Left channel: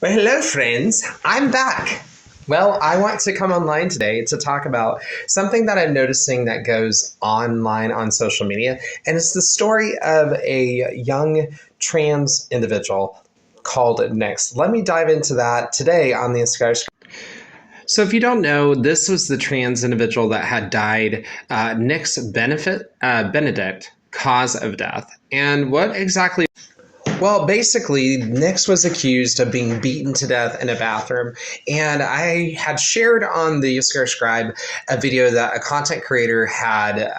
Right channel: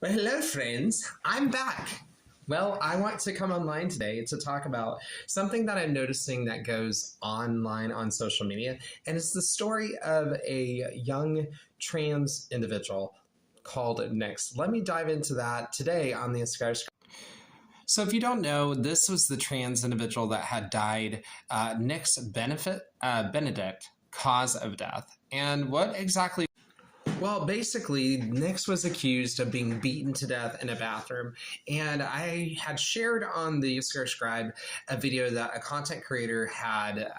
Well, hello, friends. I'm back. Well, I want to come online today to talk about something that I'm noticing that goes online on social media, and it's the story of a young trans individual called Nex. Let me dive into that today on the Sky. So, if you don't know, this was the trans individual that had died, Benedict, cause of death. And what exactly? Well, basically, Nix was accused of being beaten to death in a bathroom. And I had shared on the Scare Scribe a video that a content creator had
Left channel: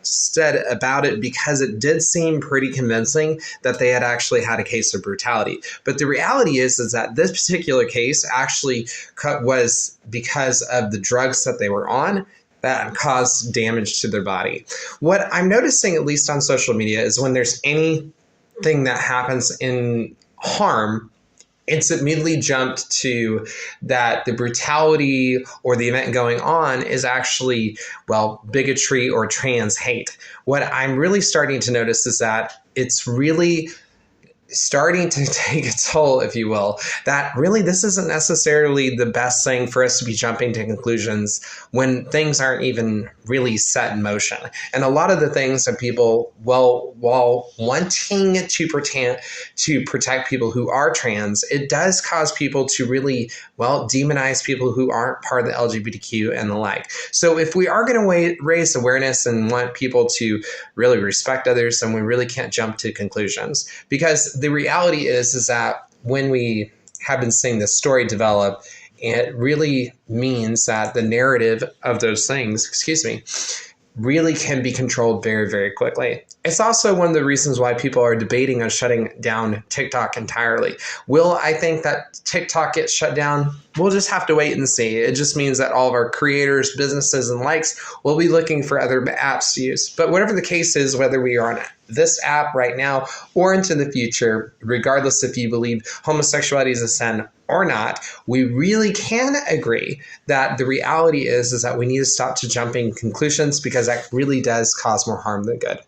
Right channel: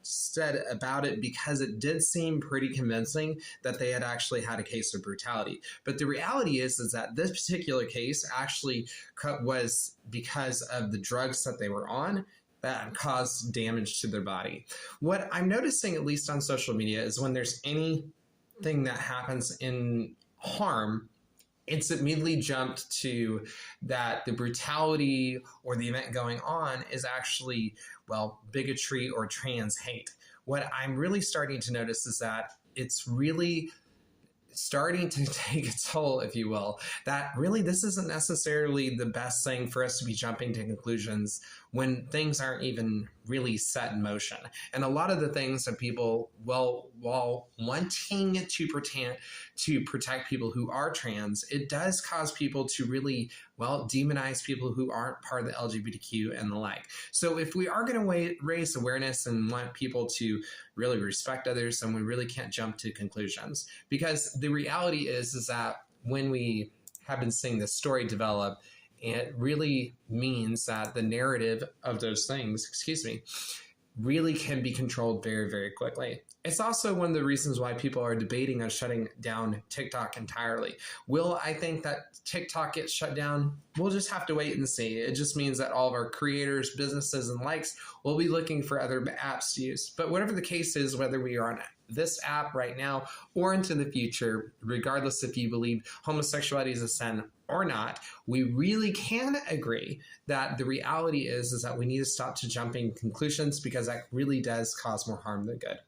said about it because it did seem pretty convincing that they had actually had a case of brutality. But the reality is that this particular case actually was because of the drugs that they were on that caused damage to their body. What I'm noticing, at least on social media, is when there's any thing that happens in harm, it's immediately jumped to that the brutality or the event going on is actually, well, bigotry or trans hate. What I'm really starting to notice is that it's really starting to take a toll, if you will, that really this isn't necessarily the best thing for us to be jumping to conclusions when things aren't even really set in motion. And a lot of the things that people, well, while wanting to protect people who are trans, it does cause people to really, well, demonize people who aren't part of the LGBTQ and the like. So if we are going to raise awareness and want people to really respect others, then we really can't jump to conclusions, because the reality is that when we have been seeing this story develop, it really means that the narrative of those things, really can be controlled very, very quickly. It's also one of the reasons why people are debating on shutting down TikTok entirely. Will I think that TikTok gets shut down? We'll just have to wait and see. It just means that all of our creators, businesses, and likes will be looking for other apps to use. But whatever the case is, whether we are on this app right now or into the future, regardless if you believe homosexuality is a sin or not, we really can agree that the reality is that we need to stop to jumping conclusions, because that really does cause more harm than good.